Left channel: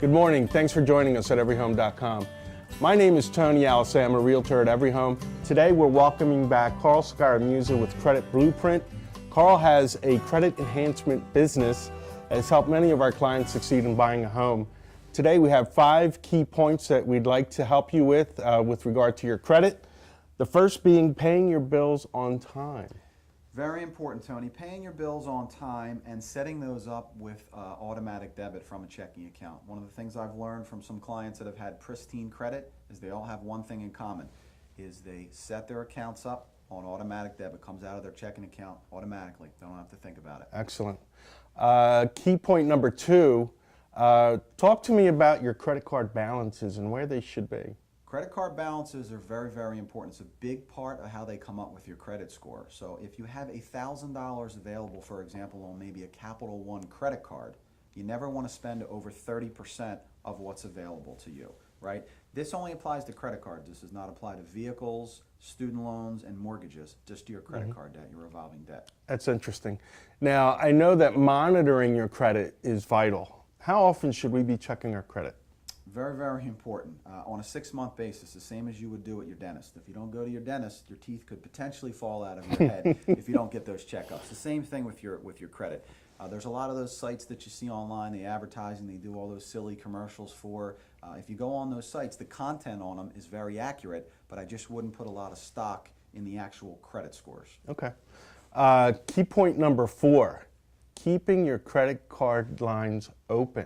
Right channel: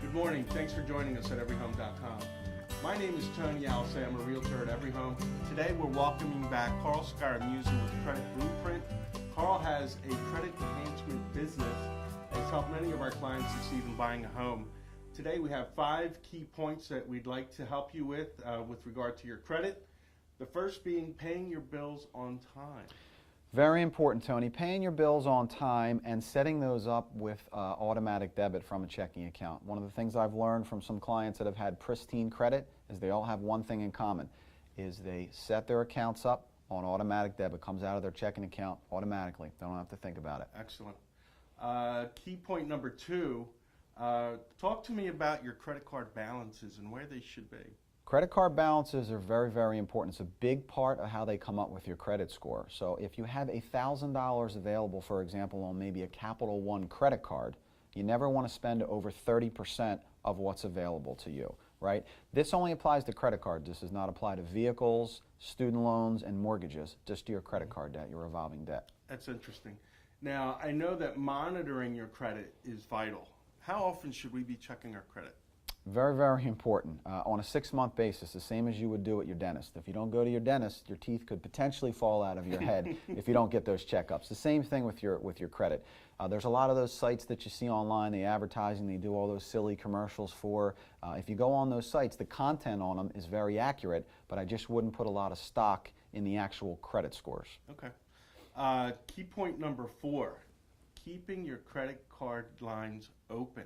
Good morning. Thanks for joining us at everyhome.com. My name is Tony Alisay. I'm a realtor at Every Home. Today we're welcoming back Carl Scaramuza with Credit Blueprint. Carl has a credit enhancement business that has helped many of our clients succeed in buying a home. Today we have 5 key points that we'd like to help you with regard to your credit. The first being paying your bills on time. Very important, Tony. Paying your bills on time and setting those up with automatic debit from a checking account. One of the things I've learned from some clients that have had pristine credit is they all have one thing in common, is they set their accounts up on automatic debit. Comes out of their checking account automatically. They don't have to think about it. Excellent. Key point number 2, talk to me about your credit card balances and where they should be. Credit card balances are very, very important. It's a big part of how they come up with your credit score. So if you have $1,000 available, for example, on maybe a Capital One credit card, you never want to spend over 30% of what's available to you, right? This only applies to credit cards. This does not apply to vehicles, student loans, and mortgages, just to your credit card debt, your revolving debt. That's interesting. Now, I know that monitoring your credit is vital. How often should we be checking our credit? Very, very important. On a 6-month basis, the same as you would do at your dentist. If you don't go to your dentist, your teeth could potentially fall out of your head if you don't get those checkups. The same thing with your credit. There's a lot of those sites that you see online, they advertising, they do all those silly commercials for. If you go on those sites, the content on them is very accurate, but I just wouldn't put a lot of stock in the actual credit scores. Okay. Key point number 4, keeping your credit card lines open.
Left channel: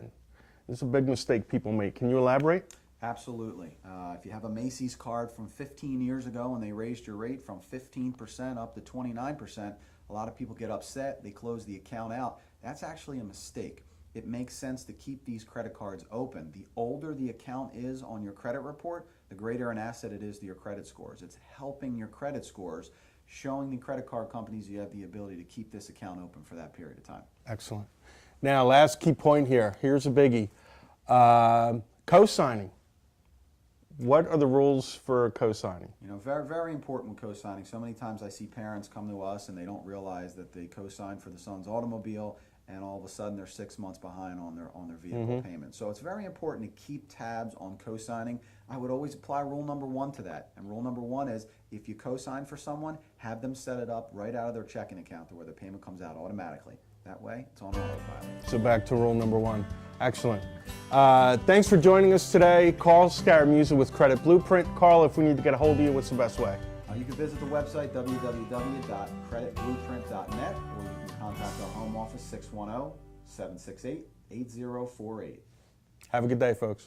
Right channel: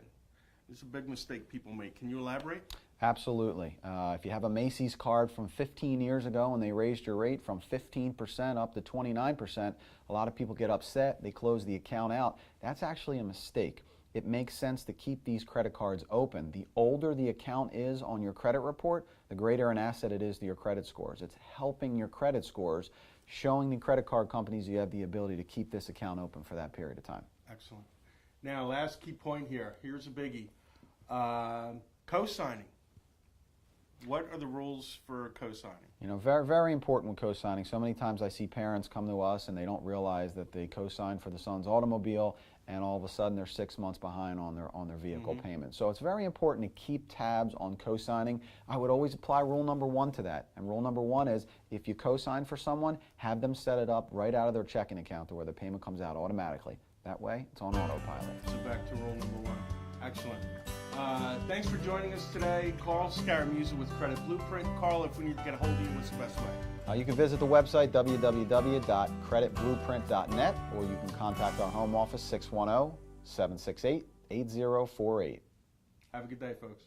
This is a big mistake people make. Can you elaborate? Absolutely. If you have a Macy's card from 15 years ago and they raised your rate from 15% up to 29%, a lot of people get upset, they close the account out. That's actually a mistake. It makes sense to keep these credit cards open. The older the account is on your credit report, the greater an asset it is to your credit scores. It's helping your credit scores, showing the credit card companies you have the ability to keep this account open for that period of time. Excellent. Now, last key point here. Here's a biggie. Co-signing. What are the rules for co-signing? You know, very, very important with co-signing. So many times I see parents come to us and they don't realize that they co-signed for the son's automobile, and all of a sudden they're 6 months behind on their vehicle payment. So it's very important to keep tabs on co-signing. I would always apply rule number 1 to that. And rule number 1 is, if you co-sign for someone, have them set it up right out of their checking account to where the payment comes out automatically. That way, it's on autopilot. So back to rule number 1. Excellent. Thanks for joining us today. Carl Scaramuza with Credit Blueprint. Carl, if we need to get a hold of you, what's the best way? You can visit the website, www.creditblueprint.net, or you can contact our home office, 610-768-8048. Have a good day, folks.